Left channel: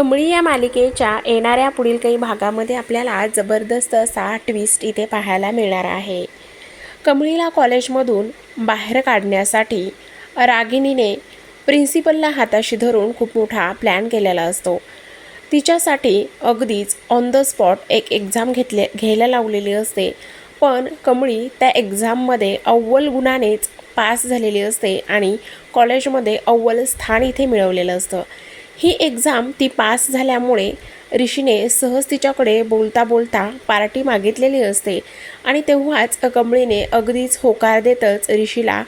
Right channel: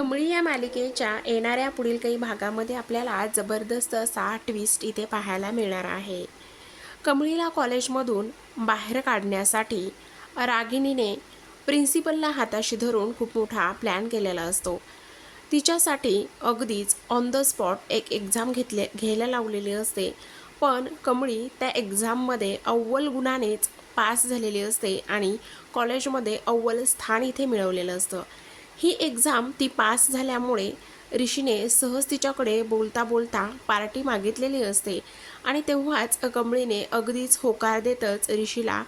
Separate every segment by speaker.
Speaker 1: कमळी या मालिकेच्या येणाऱ्या पुढील काही भागामध्ये आपल्याला जबरदस्त असा ट्विस्ट इथे पाहायला मिळणार आहे. कमळीला कॉलेजमधून बाहेर काढण्यासाठी रागिनीने प्रिन्सिपलला हाताशी धरून खूप मोठा प्लॅन केलेला असतो. तिच्यासाठी अगदीच ऑन द स्पॉट एक एक्झाम घेतले घ्यायला लावलेली असते. पण कमळी त्या एक्झाममध्ये अव्वल गुणानेच पास झालेली असते आणि कॉलेजमध्ये अव्वल स्थान इथे मिळवलेलं असतं. ही एक्झाम ती पास झाल्यामुळे ऋषीने सहज तिच्याकडे बोलता बोलता पार्टी मागितलेली असते. आणि तेव्हाच कमळीने अगदीच होकार देतच ऋषीला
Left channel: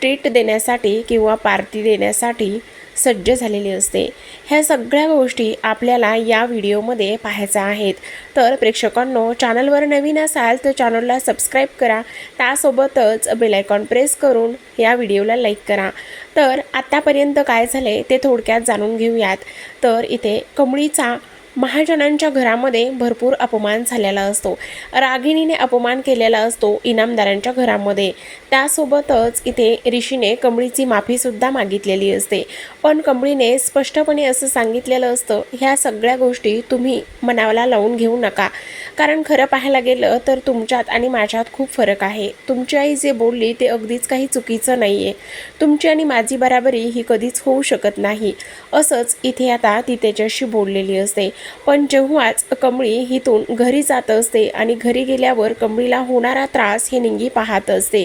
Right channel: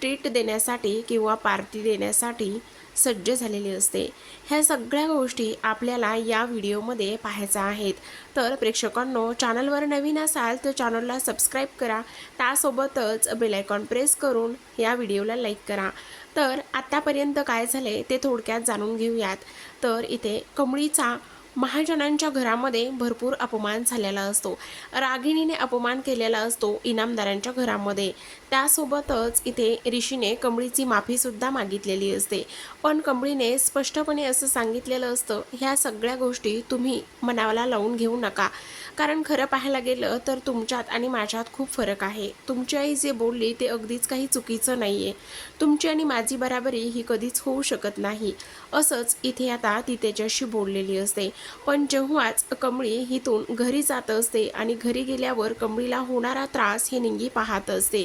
Speaker 1: ट्रीट देण्यासाठी किंवा पार्टी देण्यासाठी सज्ज झालेली असते. ह्या सगळ्या गोष्टी आपल्याला या व्हिडिओमध्ये पाहायच्या आहेत. तर प्रेक्षकांनो चॅनलवर नवीन असाल तर चॅनलला सबस्क्राईब करा. त्यासोबतच बेलायकॉन प्रेस करून या व्हिडिओला लाईक करा. तर आत्तापर्यंत काय झाले ते थोडक्यात जाणून घेऊयात. तर इथे कमळीचा महाजनांच्या घरामध्ये भरपूर अपमान झालेला असतो. रागिणीने अपमान केलेला असतो इनामदारांच्या घरामध्ये. त्यासोबतच इथे ऋषीने कमळीची माफीसुद्धा मागितलेली असते. पण कमळीने स्पष्टपणे असं सांगितलेलं असतं ह्या सगळ्या गोष्टी तुम्ही मनाला लावून घेऊ नका. कारण खरं पाहायला गेलं तर तुमच्यात आणि माझ्यात खूप फरक आहे. तुमची आई जे बोलली ते अगदीच काही चुकीचं नाही आहे तुमची आणि माझी बराबरी ही कधीच होऊ शकत नाही. असंच इथे आता ती त्याच्याशी बोललेली असते. पण जेव्हाच कमळी हिथून घरी जात असते आणि घरी गेल्यावर कमळीला होणारा त्रास हे निंगी पाहत असते.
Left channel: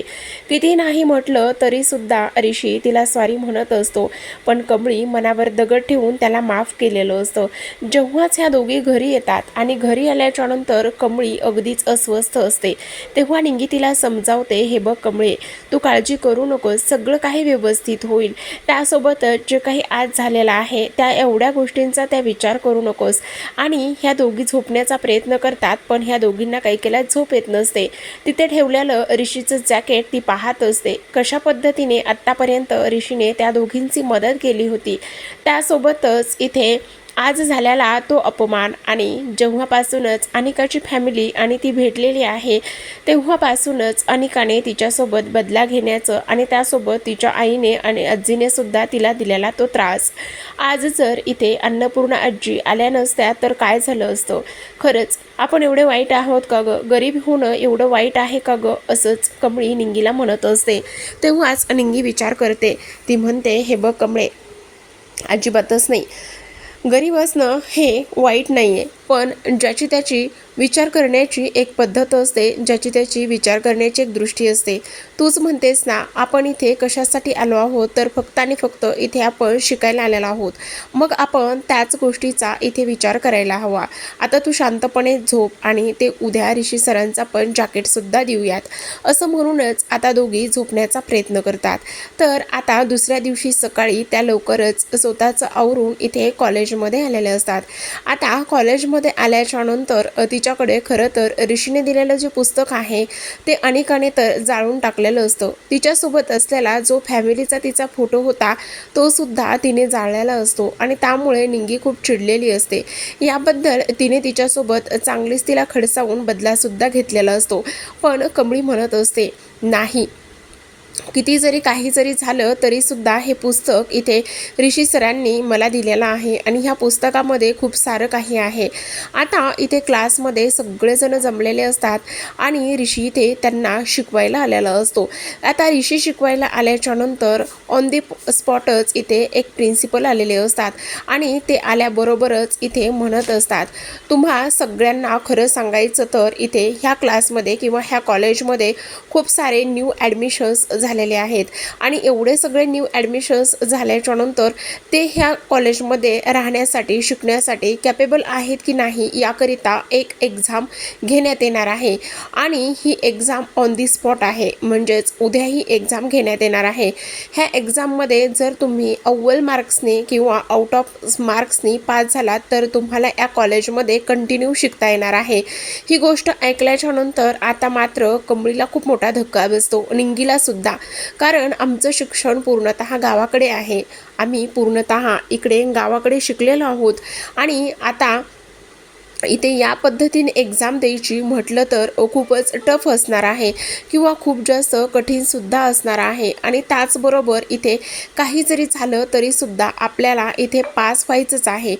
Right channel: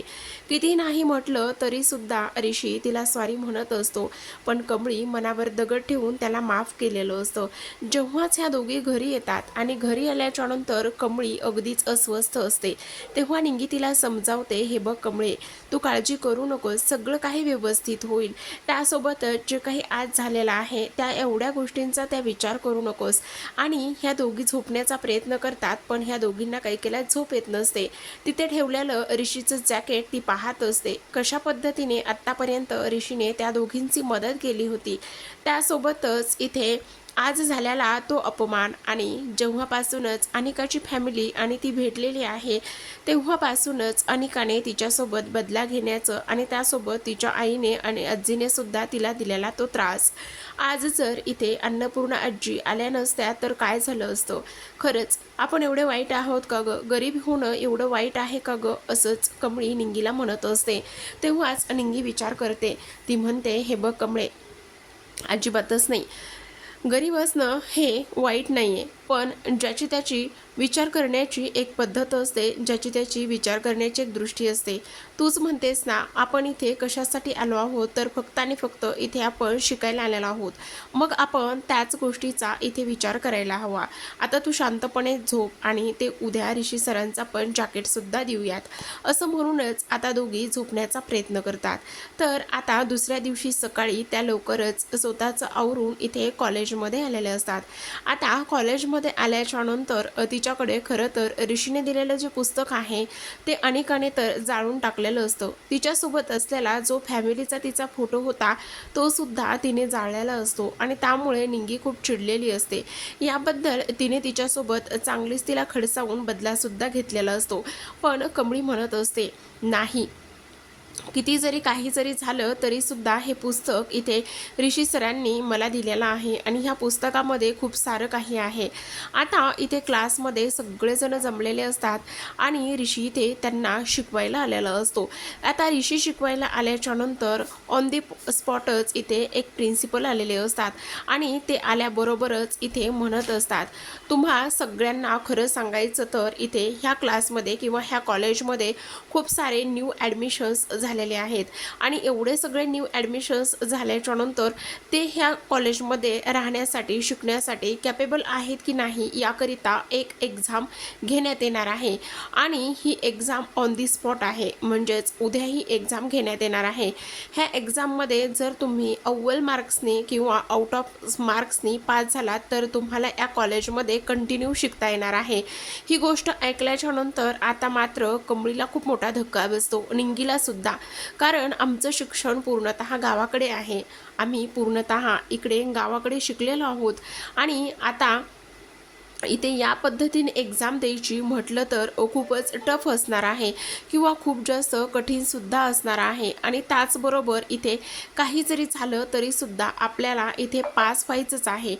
Speaker 1: किती नाही म्हटलं तरीसुद्धा ऋषी तिला स्वारी म्हणत असतो. पण कमळी मनावर दगड ठेवून त्याला माफ केलेलं असतं. जेव्हाच ह्या दोघी घरी येतात आणि घरी आल्याच्या तर कमळी अगदीच अस्वस्थ असते. तेव्हा निंगी तिला समजावते हे बघ कमळे तू काळजी करू नकोस सगळं काही व्यवस्थित होईल. त्यासोबतच जे काही आज झालेलं आहे त्या एवढ्या गोष्टींचा त्या विचार करू नकोस. आणि ह्या दोघी झोपण्याचा प्रयत्न करतात पण ह्या दोघींना काही केल्या झोप येत नसते. तिथे ठेवलेलं ऋषीचं जॅकेट ती पाहत असते. कशा पद्धतीने आत्तापर्यंत ऋषीने त्या दोघींची मदत केली होती? त्यासोबतच इथे आज झालेला तो अपमान आणि जेव्हापासूनच अनिकाची फॅमिली आणि ती भेटलेली आहे तेव्हापासूनच अनिकाने तिच्यासोबत बदला घेण्याचं आणि त्यासोबत तिच्या आईने आणि आजीने सुद्धा तिला दिलेला तो त्रास. आज जर इथे अन्नपूर्णा आजी आल्या नसत्या तर काय झालं असतं? खरंच आपण एवढे वाईट आहोत का गं? गरीब होणं एवढं वाईट आहे का गं? असंच कमळी निंगीला म्हणत असते. तेव्हाच निंगी विचार करते. ती म्हणते हे बघ कमळे अजिबातच नाही. गरीब असणं हे वाईट नाही आहे पण ज्याची त्याची विचार करण्याची एक पद्धत असते ज्याची त्याची विचार करण्याची एक दृष्टी असते. तूच म्हणतेस ना आपण इथे कशासाठी आलो आहोत? तर फक्त आणि फक्त इथे आपण शिकायला आलेलो आहोत. मग आपण त्याच गोष्टीचा इथे विचार करायला हवा. आता तू शांतपणे झोप आणि ते उद्या ऋषी सरांचा पण जॅकेटसुद्धा देऊयात. असं म्हणूनच आता दोघी झोपण्याचा प्रयत्न करतात. तर आता दुसऱ्या दिवशी सकाळी त्या लवकरच स्वतःचं आवरून इथे कॉलेजमध्ये आलेले असतात. आता कॉलेजमध्ये आल्याच्यानंतर तिच्याकडे खरं तर ऋषीने दिलेलं जे पुस्तक आहे ते अनेकाने तर जाळून टाकलेलं असतं. तिच्यासोबत असलेला जो फॅमिलीचा तिचा फोटो होता तो सुद्धा तिने जाळलेला असतो आणि त्यामुळे निंगी खूप चिडलेली असते. याबद्दल तिने तिच्यासोबत चांगलीच तिला खडसावून बदलासुद्धा घेतलेला असतो. पण कमळी म्हणत असते नाही किती जरी काही जरी झालं तरीसुद्धा हे पुस्तक इथे ऋषी सरांनी मला दिलेलं आहे आणि ह्या पुस्तकामध्ये खूप सारं काही आहे. आता इथे क्लासमध्ये सगळेजण जमलेले असतात आणि ऋषी इथे त्यांना शिकवायला आलेला असतो. आता ऋषी शिकवायला आल्याच्यानंतर ऑन दी स्पॉटच इथे एक प्रिन्सिपल आलेले असतात आणि ते आल्याबरोबरच इथे म्हणत असतात तुम्हा सगळ्यांना खरं सांगायचं तर इथे ह्या क्लासमध्ये किंवा ह्या कॉलेजमध्ये खूप सारे न्यू ॲडमिशन्स झालेले आहेत. आणि एवढे सगळे न्यू ॲडमिशन्स झाल्याच्यानंतर ते ह्या कॉलेजमध्ये राहण्यासाठी शिकण्यासाठी कॅपेबल आहेत की नाही याकरिता एक एक्झाम घेण्यात येणार आहे. आणि ही एक्झाम ऑन दी स्पॉट आहे. म्हणजेच उद्या ही एक्झाम घेण्यात येणार आहे. ह्या एक्झाममध्ये जर तुम्ही अव्वल मार्क्सने किंवा आउट ऑफ मार्क्सनी पास झालात तर तुम्हाला या कॉलेजमध्ये कंटिन्यू शिकता येणार आहे. ही गोष्ट ऐकल्याच्या नंतर आता मात्र कमळीला खूप मोठा धक्का बसतो. निंगीला सुद्धा. कारण आमचं शिक्षण पूर्णतः गावाकडे आहे. आम्ही पूर्णतः इकडे गावाकडे शिकलेलो आहोत. आणि आता इथे या पद्धतीने एक्झाम द्यायची म्हटलं तर खूपच टफ असणार आहे किंवा खूप जास्त कठीणसुद्धा असणार आहे. आणि त्याचबरोबर इथे काही जरी झालं तरीसुद्धा आपल्याला इथे पास व्हायचंच आहे.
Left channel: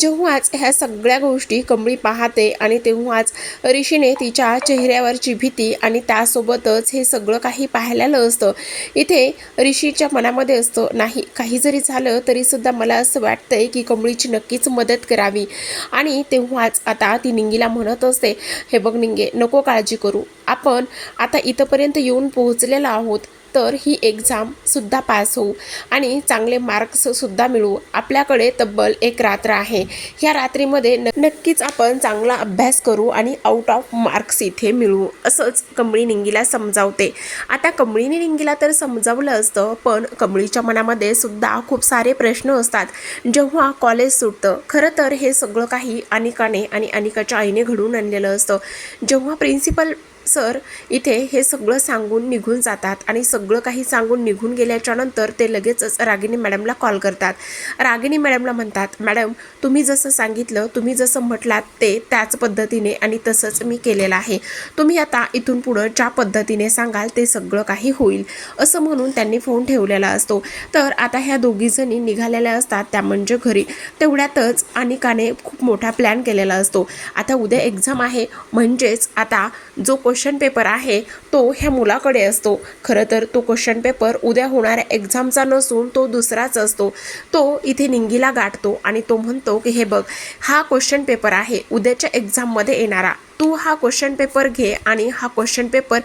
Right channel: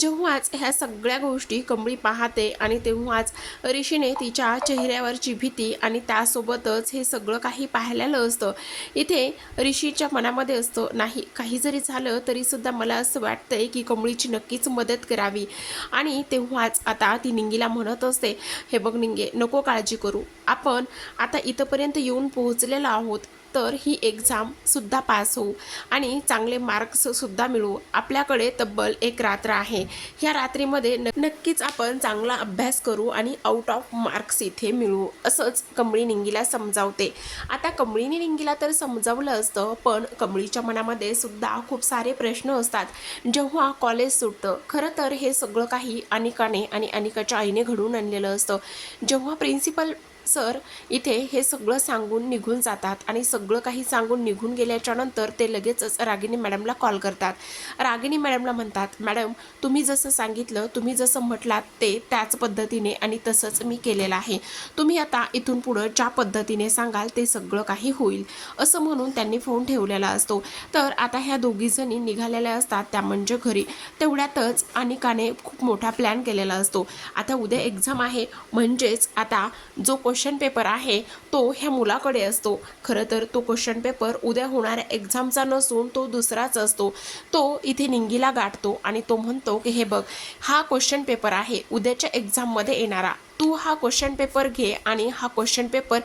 Speaker 1: जेव्हाच ह्या सगळ्या गोष्टी कमळी पाहते आणि तेव्हाच ऋषीने तिच्या चेहऱ्यावरची भीती आणि त्यासोबतच हे सगळं काही पाहिलेलं असतं. इथे ऋषीच्या मनामध्ये असतं नाही काही जरी झालं तरीसुद्धा मला असं वाटतंय की कमळीची नक्कीच मदत करावी. आणि तेव्हाच आता ती निंगीला म्हणत असते हे बघ निंगे नको काळजी करू. आपण आता इथंपर्यंत येऊन पोहोचलेलो आहोत. तर ही एक्झाम सुद्धा पास होऊ आणि चांगले मार्क्ससुद्धा मिळू. मिळवू आपल्याकडे तब्बल एक रात्र आहे. ह्या रात्रीमध्ये न नक्कीच आपण चांगला अभ्यास करू आणि आउट ऑफ मार्क्स इथे मिळवू असंच कमळी निंगीला समजावते. आता कमळीने निंगीला तर समजावलं असतं पण कमळीच्या मनामध्ये सुद्धा खूप सारे प्रश्न असतात. जेव्हा कॉलेज सुटतं खरं तर हे सगळं काही अनिकाने आणि अनिकाच्या आईने घडवून आणलेलं असतं. जेव्हा प्रिन्सिपल सर इथे हे सगळं सांगून निघून जातात आणि सगळं काही सांगून निघून गेल्याच्यानंतर ते लगेचच रागिनी मॅडमला कॉल करतात. रागिनी मॅडमला म्हणतात मॅडम तुम्ही जसं सांगितलं तुम्ही जसं म्हटलात ते त्याच पद्धतीने आणि तसंच मी केलेलं आहे. तुम्ही आता इथून पुढं ज्या पद्धतीने सांगाल ते सगळं काही होईल. असं म्हणून त्यांनी फोन ठेवलेला असतो. तर आता ह्या दोघीजणी निघालेल्या असतात त्या म्हणजे घरी. तेवढ्यातच अनिकाने खूप मोठा प्लॅन केलेला असतो. आता उद्या एक्झाम आहे म्हणजेच आता जो क्वेश्चन क्वेश्चन पेपर आहे तो ह्या मुलाकडे असतो. खरं तर तो क्वेश्चन पेपर उद्या होणाऱ्या एक्झामचा नसून तो दुसराच असतो. तो इथे निंगीला गाठतो आणि तो म्हणतो की हे बघ हा क्वेश्चन पेपर आहे उद्याच्या एक्झाममध्ये येणारा. तू हा क्वेश्चन पेपर घे आणि हा क्वेश्चन पेपर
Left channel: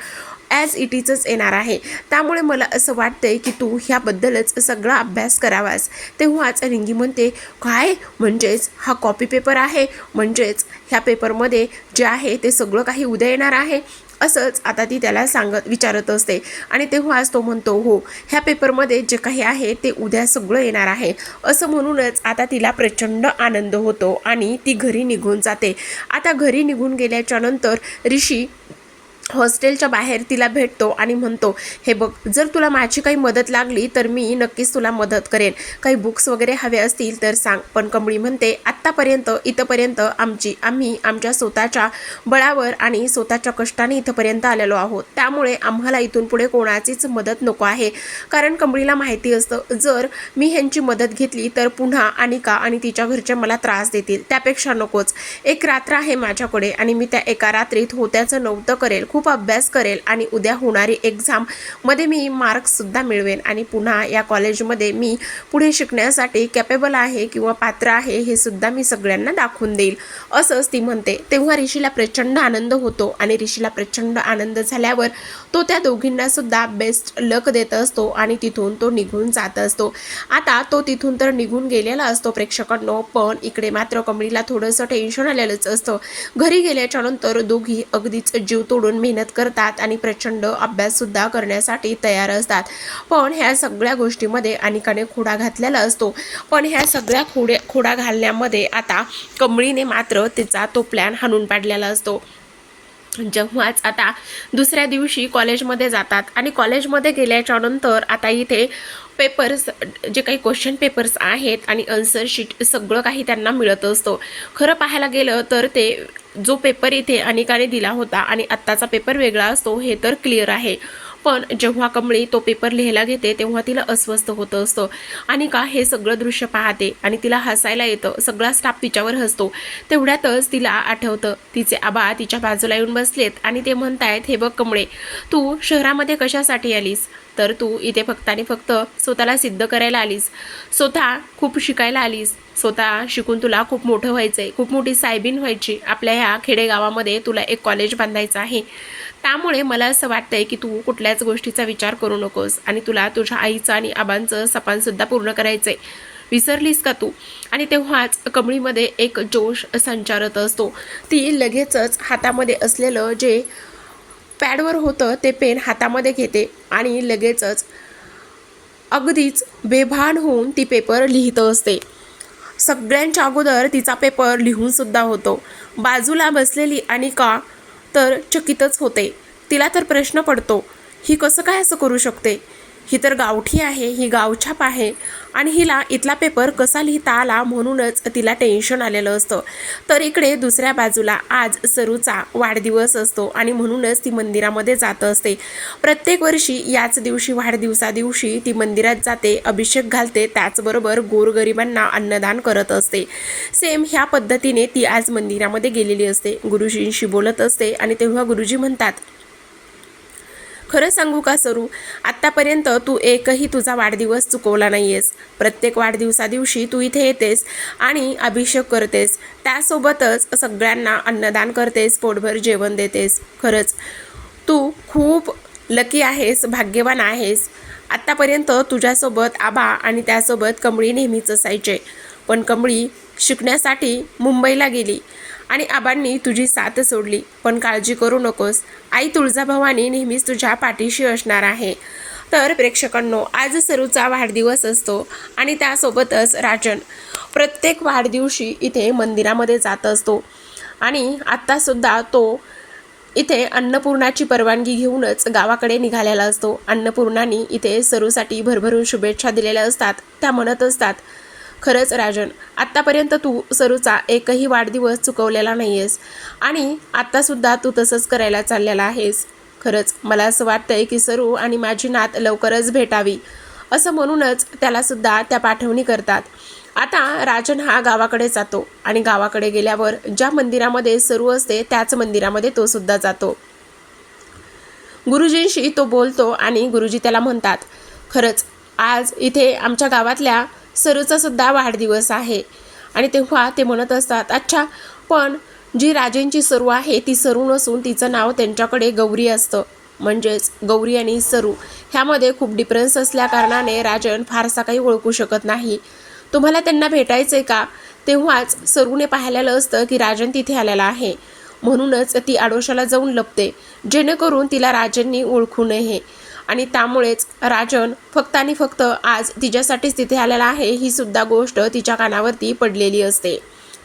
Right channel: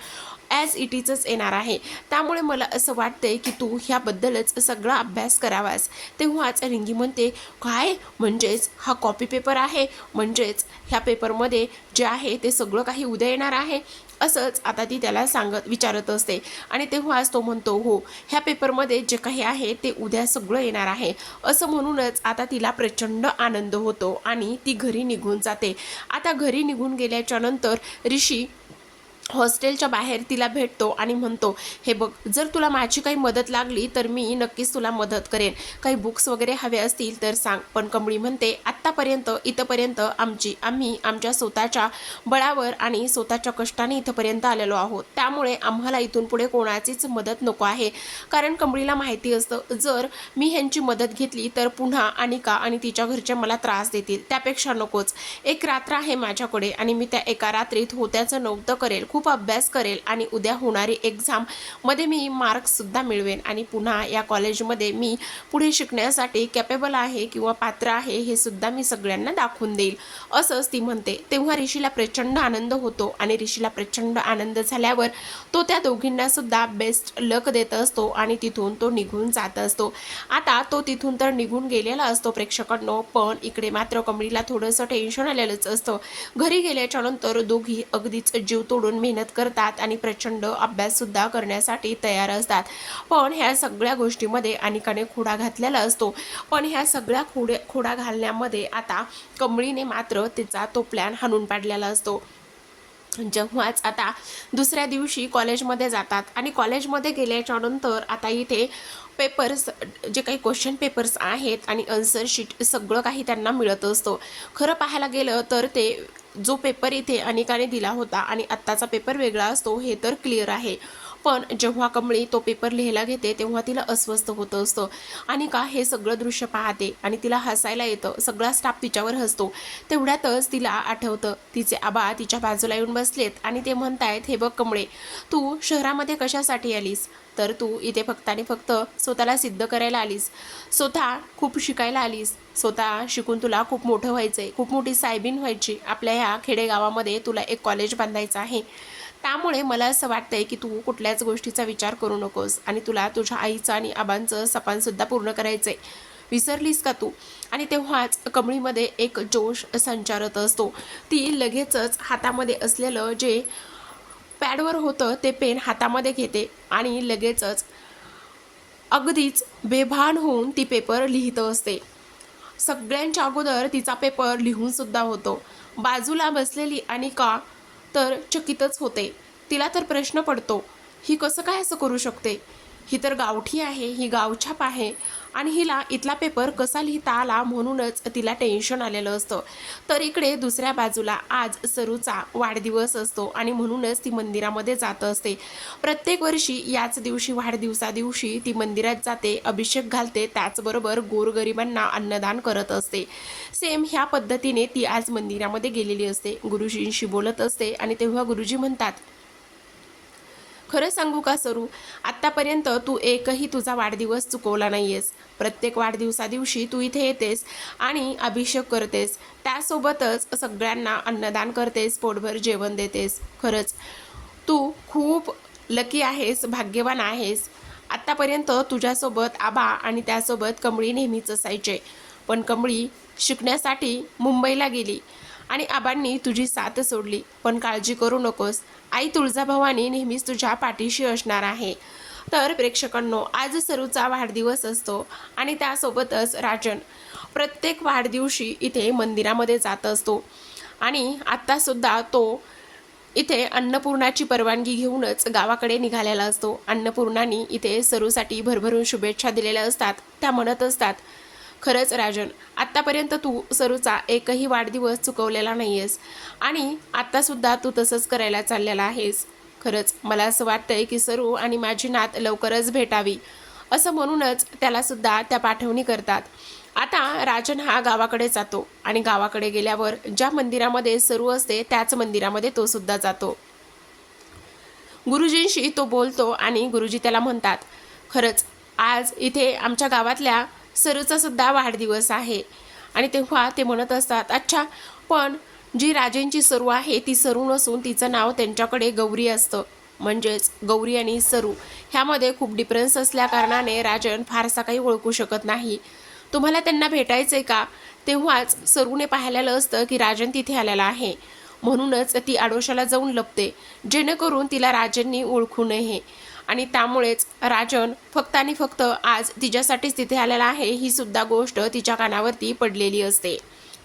Speaker 1: ॲज इट इजच येणार आहे. त्यामुळे मला असं वाटतंय की तू ह्याबद्दलच सगळा अभ्यास करावास. तेव्हाच रिंगी म्हणते काय? म्हणजेच हा कॉपी पेपर आहे? म्हणजेच ह्या पेपरमध्ये जे आहे ते सगळं काही उद्या येणार आहे? असंच आता ती त्याला सांगत विचारत असते. आणि तेव्हाच तो म्हणतो हो ह्या पेपरमध्ये जे काही आहे ते उद्या सगळं येणार आहे. असं म्हणूनच आता तिला प्रचंड आनंद होतो आणि ती घरी निघून जाते. आता घरी निघून गेल्याच्यानंतर ऋषी हॉस्टेलच्या बाहेर तिला भेटतो आणि म्हणतो हे बघ जर तुला माझी काही मदत लागली तर मी नक्कीच तुला मदत करेन. काही बुक्स वगैरे हवे असतील तर सांग. पण कमळी म्हणते आत्तापर्यंत इथंपर्यंत आमची आम्ही आमच्या स्वतःच्या बळावर आणि स्वतःच्या कष्टाने इथंपर्यंत आलेलो आहोत. त्यामुळे आम्हाला इथून पुढे कोणाचीच मदत नको आहे. कारण कमळीला माहिती असतं जर मी ह्यांची मदत घेतली तर पुन्हा अनिका आणि तिच्या घरचे मला त्रास देतील. त्यापेक्षा नकोच. एक रात्र आहे माझ्याकडे आणि मी त्या एका रात्रीत होत्याचं नव्हतं करेल. खूप खूप अभ्यास करेल आणि उद्या होणारी एक्झाममध्ये मी मार्क्ससुद्धा मिळवेन. आणि पुन्हा या कॉलेजमध्ये मी पुढे शिकण्यासाठी कॅपेबल आहे किंवा पात्र आहे हे सुद्धा मी सगळ्यांना दाखवून देईल. असंच ती म्हणते. तेव्हा ऋषीला प्रचंड आनंद होतो आणि ऋषीला प्रचंड आनंद झाल्यावर तो त्या दोघींनासुद्धा बेस्ट लक देत असतो आणि तिथून तो निघून जात असतो. आता तो तिथून तर निघून गेलेला असतो प्रेक्षकांनो पण इकडे मात्र कमळीला थोडंसं टेन्शन आलेलंच असतं. घरी गेल्याच्यानंतर दोघी अगदीच जीव तोडून मेहनत करतात आणि प्रचंड अभ्याससुद्धा करण्यासाठी तयार असतात. पण ह्या सगळ्या गोष्टीमध्ये अनेकाने खोडा घातलेला असतो. पण ह्या सगळ्या खोड्या खोडा घालण्यामध्ये आता कमळीने मात्र तिचा तो प्लॅन हाणून पाडलेला असतो. जेव्हाच आता दुसऱ्या दिवशी कॉलेजमध्ये जातात आणि कॉलेजमध्ये गेल्याच्यानंतर आता इथे पेपर्स जे काही क्वेश्चन पेपर्स आहेत आणि आन्सर शीट सगळं काही त्यांना मिळत असतं. खरं पाहायला गेलं तर ते जो पेपर इथे अनेकाने दिला होता आणि आत्ताचा पेपर वेगळा असतो हे तर क्लिअर आहे. पण जेव्हा कमळी तो पेपर लिहायला घेते तेव्हा तिला अस्वस्थ होतं असतं. आणि का हे सगळं दृश्य पाहते आणि तिला हसायला येतं. सगळा स्टाफ तिच्यावर हसतो. तेवढ्यातच तिला आठवतं. तिचे आबा तिच्या बाजूला येऊन बसलेत आणि ते म्हणतायत हे बघ कमळे तू शहरामध्ये कशासाठी आलीस? तर तू इथे फक्त आणि फक्त स्वतःला सिद्ध करायला आलीस. स्वतः खूप शिकायला आलीस. स्वतः शिकून तुला खूप मोठं व्हायचं आहे खूप मोठी सायबीन व्हायची. आपल्या ह्या खेडेगावामध्ये तुला एक कॉलेज बांधायचं आहे. त्यामुळे मला असं वाटतंय की तू कुठल्याच गोष्टीचा विचार करू नकोस आणि तुला तुझ्या आईचं आणि आबांचं सपानसुद्धा पूर्ण करायचं आहे विसरलीस का तू? आणि तेव्हाच कमळीमध्ये एक जोश संचारत असतो. ती लगेचच हातामध्ये असलेलं जे पॅडवर होतं ते पेन हातामध्ये घेते आणि लगेचच अगदीच बेभान होऊन ती पेपर लिहित असते. सगळ्यांच्या अगोदर तिचा पेपर लिहूनसुद्धा होतो. बाजूला बसलेली अनिका तर चकितच होते. तिला तर प्रश्न पडतो ही कसं काय असं करू शकते? ही तर गावठी आहे ही गावछाप आहे. आणि हिला इथला पेपर कसा लिहिता आला म्हणूनच तिला टेन्शन आलेलं असतं. तर इकडे दुसऱ्या बाजूला आज सरूचा वाढदिवस असतो आणि म्हणूनच ती मंदिरामध्ये जात असते. प्रत्येक वर्षी याच दिवशी वाढदिवसा दिवशी ती मंदिरात जाते अभिषेक घालते त्याचबरोबर गोरगरिबांना अन्नदान करत असते. सेम ह्या पद्धतीने ती आज मंदिरामध्ये गेलेली असते. गुरुजींशी बोलत असते आणि तेव्हा गुरुजी म्हणतात खरं सांगू का सरू? आत्तापर्यंत तू एकही तुझा वाढदिवस चुकवला नाही आहेस प्रत्येक वाढदिवसा दिवशी तू इथे येतेस आणि अभिषेक करतेस. त्यासोबतच सगळ्यांना अन्नदान करतेस पोटभर जेवण देतेस. खरंच तू खूप लकी आहेस भाग्यवान आहेस. आत्तापर्यंत तुझ्यासोबत आबा आणि त्यासोबत कमळी नेहमीच असायचे. पण कमळी शिकण्यासाठी मुंबईला गेली. आणि आबांनी तुझी साथ सोडली. पण काळजी करू नकोस. आई तुळजाभवानी नेहमीच तुझ्या पाठीशी असणार आहे. तर प्रेक्षकांनो आज सरूचा वाढदिवस असतो आणि त्यासोबतच राजन प्रत्येक वाढदिवशी इथे मंदिरामध्ये जात असतो. आणि आत्तासुद्धा तो इथे अन्नपूर्णाची परवानगी घेऊनच गावाकडे निघालेला असतो. अन्नपूर्णानी इथे सरूसाठी भरभरून शुभेच्छा दिलेल्या असतात. त्या म्हणत असतात खरंच राजन आत्तापर्यंत तू सरूचा एकही वाढदिवस चुकवलेला नाही आहेस आणि आत्तासुद्धा तू तसंच करायला चाललेला आहेस. खरंच मला असं वाटतंय की सरू आणि माझी नात लवकरच भेटावी असं म्हणूनच त्यालासुद्धा त्या पाठवणी करतात. आता राजन हा गावाकडे जातो आणि गावाकडे गेल्यावर ज्या मंदिरामध्ये सरू असते त्याच मंदिरामध्ये तो सुद्धा जातो. गुरुजींशी तो बोलतो आणि गुरुजी त्याला म्हणतात खरंच आज इथे आमच्या गावातल्या सरूचा सुद्धा वाढदिवस आहे. आणि तेव्हा ते म्हणत असतात अच्छा पण जी राजेंची सरू आहे ती सरू नसून तिचं नाव त्यांच्याकडे गौरी असतं. म्हणजेच गौरी आणि सरू ह्यामध्ये खूप डिफरन्स असल्याकारणाने राजन फारसा काही ओळखू शकत नाही. तुम्हाला त्यांना भेटायचं आहे का? तेव्हाच सरूने पाहिलेलं असतं की राजन तिथे आलेला आहे. म्हणूनच ती आडोशाला जाऊन लपते जेणेकरून तिला राजननी ओळखू नये. आणि त्यामुळेच राजन फक्त आणि फक्त आज तिच्यासाठीच तिथे आलेला आहे ही सुद्धा गोष्ट तिच्या कानावरती पडलेली असते.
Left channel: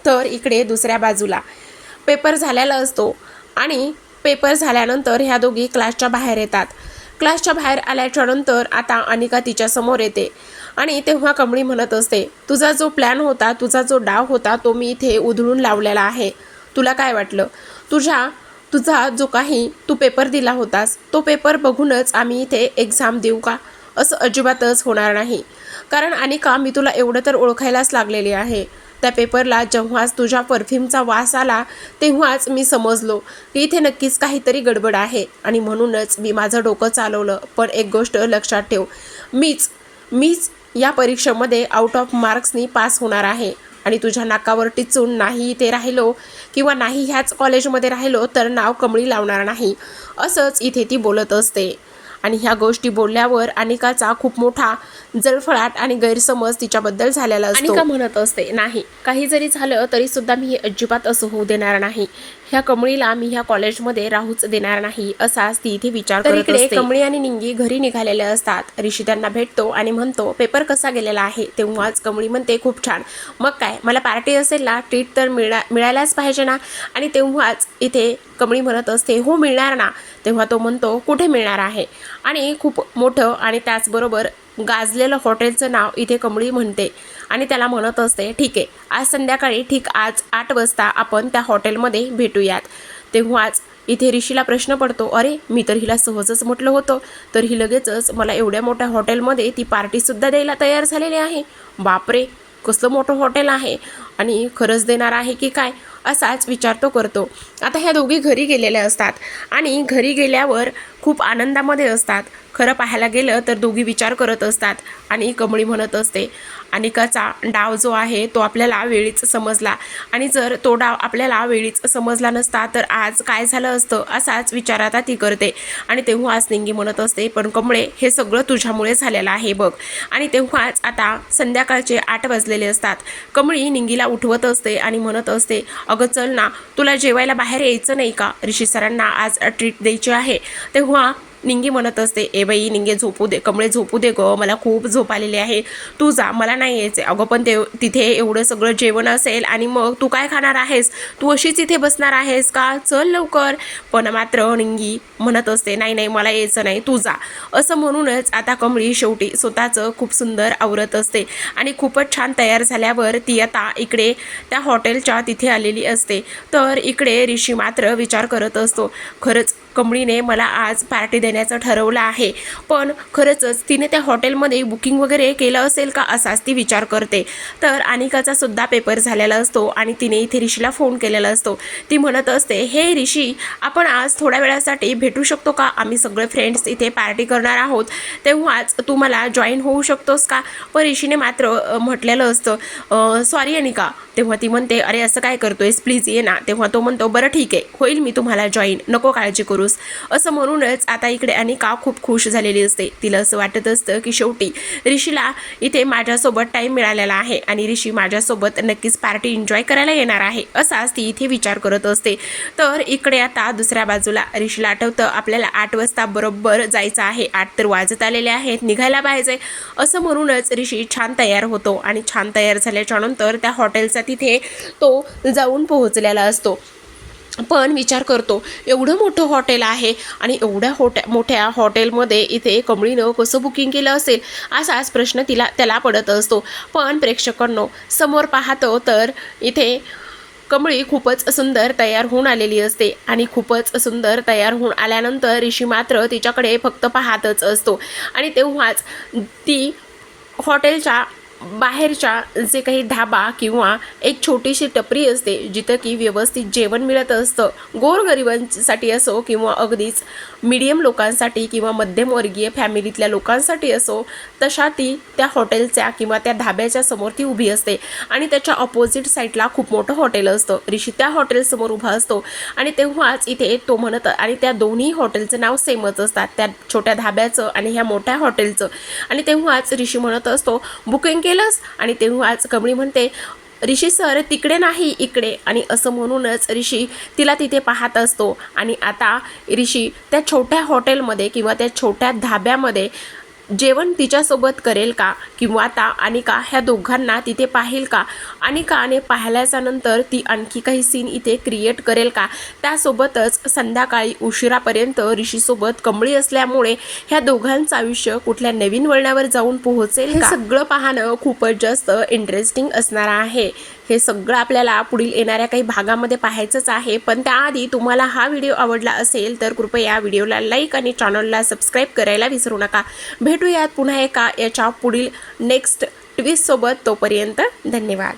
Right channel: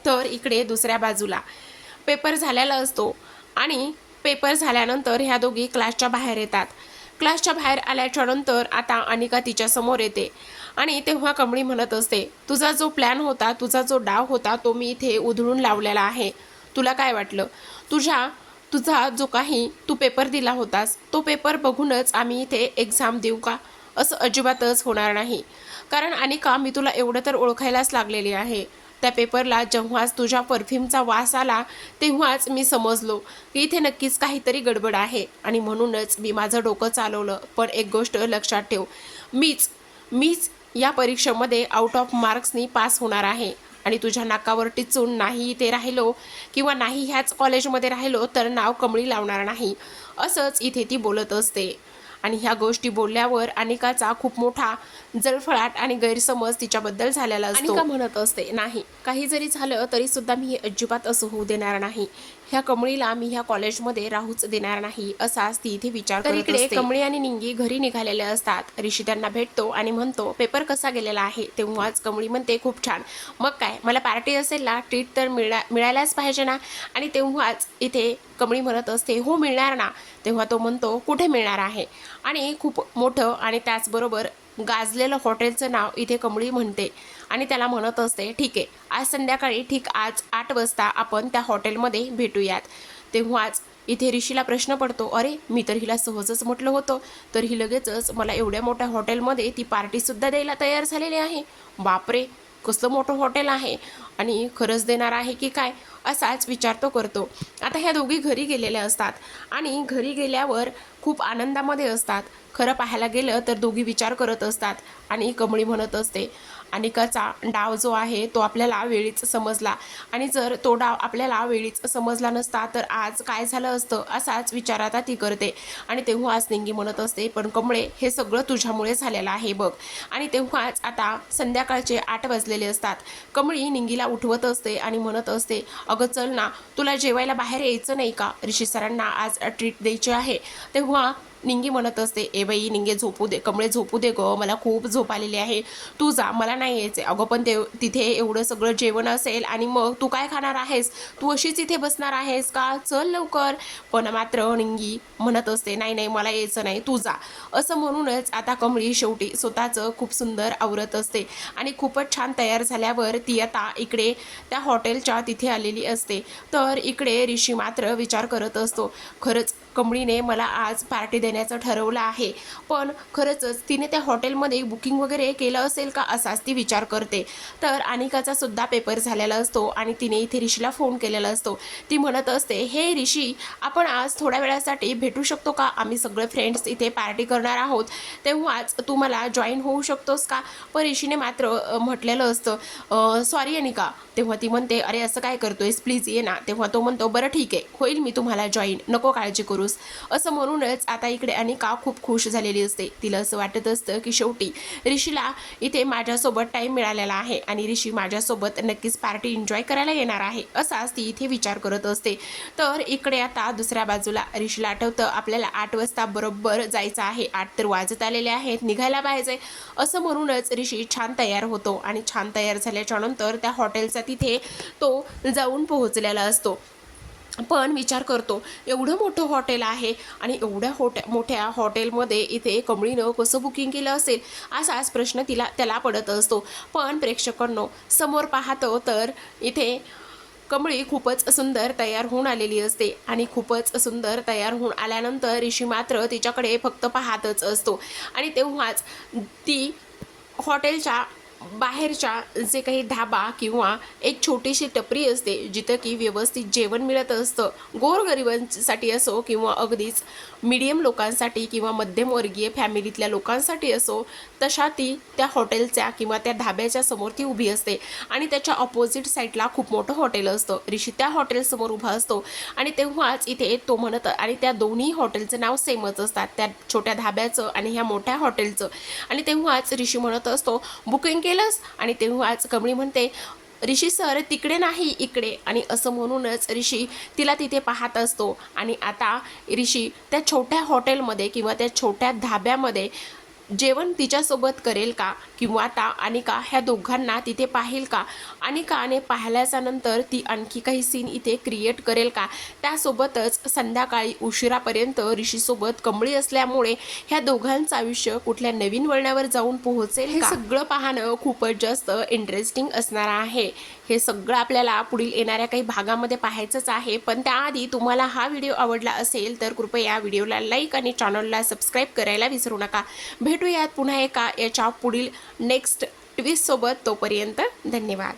Speaker 1: तर इकडे दुसऱ्या बाजूला. पेपर झालेला असतो आणि पेपर झाल्यानंतर ह्या दोघी क्लासच्या बाहेर येतात. क्लासच्या बाहेर आल्याच्यानंतर आता अनिका तिच्या समोर येते आणि तेव्हा कमळी म्हणत असते तुझा जो प्लॅन होता तुझा जो डाव होता तो मी इथे उधळून लावलेला आहे. तुला काय वाटलं? तुझ्या तुझा जो काही तू पेपर दिला होतास तो पेपर बघूनच आम्ही इथे एक्झाम देऊ का? असं अजिबातच होणार नाही. कारण अनिका मी तुला एवढं तर ओळखायलाच लागलेली आहे. त्या पेपरला जेव्हाच तुझ्या परफ्यूमचा वास आला तेव्हाच मी समजलो की इथे नक्कीच काहीतरी गडबड आहे आणि म्हणूनच मी माझं डोकं चालवलं. पण एक गोष्ट लक्षात ठेव मीच मीच या परीक्षेमध्ये आउट ऑफ मार्क्सनी पास होणार आहे. आणि तुझ्या नाकावर टिचून नाही इथे राहिलो किंवा नाही ह्याच कॉलेजमध्ये राहिलो तर नाव कमळी लावणार नाही असंच इथे ती बोलत असते. आणि ह्या गोष्टी बोलल्यावर अनिकाचा खूप मोठा जळफळाट आणि गैरसमज तिच्याबद्दल झालेला असतो. म्हणत असते? नाही. काही जरी झालं तरी सुद्धा मी अजिबात असं होऊ देणार नाही. ह्या कमळीला मी ह्या कॉलेजमध्ये राहूच देणार नाही असाच ती इथे विचार करत असते. कमळी आणि निंगी घरी निघालेले असतात. ऋषी त्यांना भेटतो आणि म्हणतो पेपर कसा गेलेला आहे? तेव्हाच कमळी म्हणते खूप छान. मग काय? मला पार्टी असेल ना ट्रीट तर मिळा मिळायलाच पाहिजे ना? आणि तेव्हाच इथे कमळी म्हणत असते हो मिळणार ना? तेव्हा तो म्हणतो कुठे मिळणार आहे? आणि खूप मोठं आणि त्याचबरोबर गाजलेलं हॉटेलचं नाव इथे कमळी म्हणते आणि त्याला म्हणत असते ठीक आहे आज संध्याकाळी ठीक आज आठ वाजता आपण त्या हॉटेलमध्ये भेटूयात. तेव्हाच इथे ऋषीला प्रश्न पडतो अरे मी तर हिला सहजच म्हटलं होतं तर ही लगेचच मला एवढ्या मोठ्या हॉटेलमध्ये ती पार्टीसुद्धा द्यायला तयार झालेली आहे. बापरे कसलं मोठं हॉटेल आहे आणि खरंच देणार आहे की काय? असाच विचार तो करतो. आता ह्या दोघी घरी गेलेल्या असतात आणि घरी गेल्यावर खूप आनंदामध्ये असतात. खरं पाहायला गेलं तर दोघी विचार करत असतात आणि कमळी म्हणत असते अनिकाचा डाव जो आहे तो आपल्याला वेळीच समजला. आणि जर तो डाव आपल्याला वेळीच समजला नसता तर आज काय झालं असतं असाच विचार आता ती करते. आणि तेव्हाच निंगी म्हणत असते पण कमळे हे सगळं तुझ्यामुळे झालेलं आहे बघ. आणि तेव्हाच आता संध्याकाळचे आठ वाजलेले असतात. कमळी निंगीला उठवत असते आणि म्हणत असते अगं चल ना तुला जेवायला बाहेर यायचं नाही का? ऋषी सरांना आज ट्रीट द्यायची आहे. तेव्हा निंगी म्हणत असते ए बाई निंगे झोपू दे कमळे झोपू दे ग मला खूप झोप आलेली आहे. तू जा मला नाही यायचे अगं पण ते तिथे एवढं सगळं जेवण असेल आणि मग तू काय खाणार आहेस? तू अशीच इथे बसणार आहेस का? चल लवकर. पण मात्र निंगी म्हणत असते नाही नाही मला यायचं नाही तू जा. असं म्हणूनच आता कमळी शेवटी स्वतःचं खूप सुंदर आवरत असते आणि खूपच छान तयार झाल्यावर ती आता इकडे त्या हॉटेलच्या तिथे आलेली असते. तर इकडे ऋषी मात्र विचार करत असतो खरंच कमळीने मला आज पार्टी देण्याचं ठरवलं आहे. पण खरंचच तिने त्या हॉटेलमध्ये बुकिंग वगैरे केलं असेल का असाच ती विचार करते. तर अनिकाचा सुद्धा पेपर झालेला असतो आणि तिने इथे ऋषीला फोन केलेला असतो. ती म्हणत असते हे ऋषी आपण आज थोड्या वेळासाठी भेटू शकतो का? आम्ही सगळे फ्रेंड्स इथे पार्टी करणार आहोत. तेव्हाच तू मला जॉईन होऊ शकतोस का? पण ऋषीने मात्र म्हटलेलं असतं सॉरी अनिका. तेव्हा ती म्हणते अरे असं काय करतोयस? प्लीज ये ना. तेव्हा तो म्हणतो बरं ठीक आहे. होईल मी तुम्हाला जॉईन नको काळजी करू करूस असं म्हणूनच आता इकडे अनिका खूप खुश झालेली असते. तिला असं वाटत असतं की शेवटी ऋषीला इथे माझ्यासोबत टाईम मिळालेला आहे आणि ऋषी माझ्यासोबत नक्कीच पार्टी एन्जॉय करायला येणार आहे असाच ती इथे विचार करत असते. तर इकडे आता दुसऱ्या बाजूला ऋषीला आठवतं आपल्याला आठ वाजता बरोबर जायचं आहे. आठ तर वाजत आलेले आहेत निघायला पाहिजे. असं म्हणूनच ऋषी छान तयार होतो आणि छान तयार झाल्याच्यानंतर त्या हॉटेलचा तिथे तो जाऊन पोहोचलेला असतो. पण विचार करतो एवढं मोठं हॉटेल आहे आणि एवढ्या होट्या मोठ्या हॉटेलमध्ये इथे कमळीनं कसं बुकिंग केलं असेल असाच प्रश्न तिला त्याला पडत असतो. पण प्रेक्षकांनो समोर पाहतो तर इथे कमळी खूपच सुंदर तयार होऊन आलेली असते आणि खूपच सुंदर तयार होऊन आल्यानंतर ऋषी मात्र तिच्याकडे फक्त पाहतच असतो. आणि तेव्हाच ती हॉटेलच्या बाहेरच्या जे काही धाबा किंवा एक छोटीशी टपरी असते जिथं की व्यवस्थित जेवण मिळत असतं. गोरगरिबांसाठी असो किंवा अगदीच मीडियम लोकांसाठी किंवा मध्यमवर्गीय फॅमिलीतल्या लोकांसाठी असो तशा ती त्या हॉटेलच्या किंवा त्या धाब्याच्या समोर ती उभी असते. आणि त्याच्या ऑपोजिट साईडला खूप मोठं हॉटेल असतं. ऋषी त्या हॉटेलसमोर उभा असतो. आणि तेव्हाच इथे तो म्हणत आणि त्या दोन्ही हॉटेलचं नाव सेमच असतात. त्या छोट्या धाब्याचं आणि ह्या मोठ्या हॉटेलचं. आणि तेव्हाच ऋषी म्हणत असतो बुकिंग केलंस? आणि तेव्हाच कमळी म्हणते ऋषी सर तिकडे नाही इकडे. आणि असं म्हणूनच ऋषी तिला तिथे पाहत असतो. आणि आता ऋषी त्या छोट्या हॉटेलमध्ये किंवा त्या छोट्या धाब्यामध्ये जेवण तिच्यासोबत करेल का? किंवा आता अनिका ह्या दोघांना तिथे पाहिल का? अनिकाने पाहिल्याच्या नंतर ती आणखी काही सीन इथे क्रिएट करेल का? त्यासोबतच संध्याकाळी उशिरापर्यंत ऋषीसोबत कमळी असल्यामुळे ह्या दोघांचं आयुष्य कुठल्या नवीन वळणावर जाऊन पोहोचेल हे सगळं पाहणं खूपच जास्त इंटरेस्टिंग असणार आहे. हे सगळं आपल्याला पुढील येणाऱ्या काही भागामध्ये पाहायचंच आहे. पण त्याआधी तुम्हाला हा व्हिडिओ आवडला असेल तर कृपया व्हिडिओला लाईक आणि चॅनलला सबस्क्राईब करायला विसरू नका. भेटूयात पुन्हा एका याच्या पुढील नेक्स्ट ट्विस्टसोबत तोपर्यंत धन्यवाद.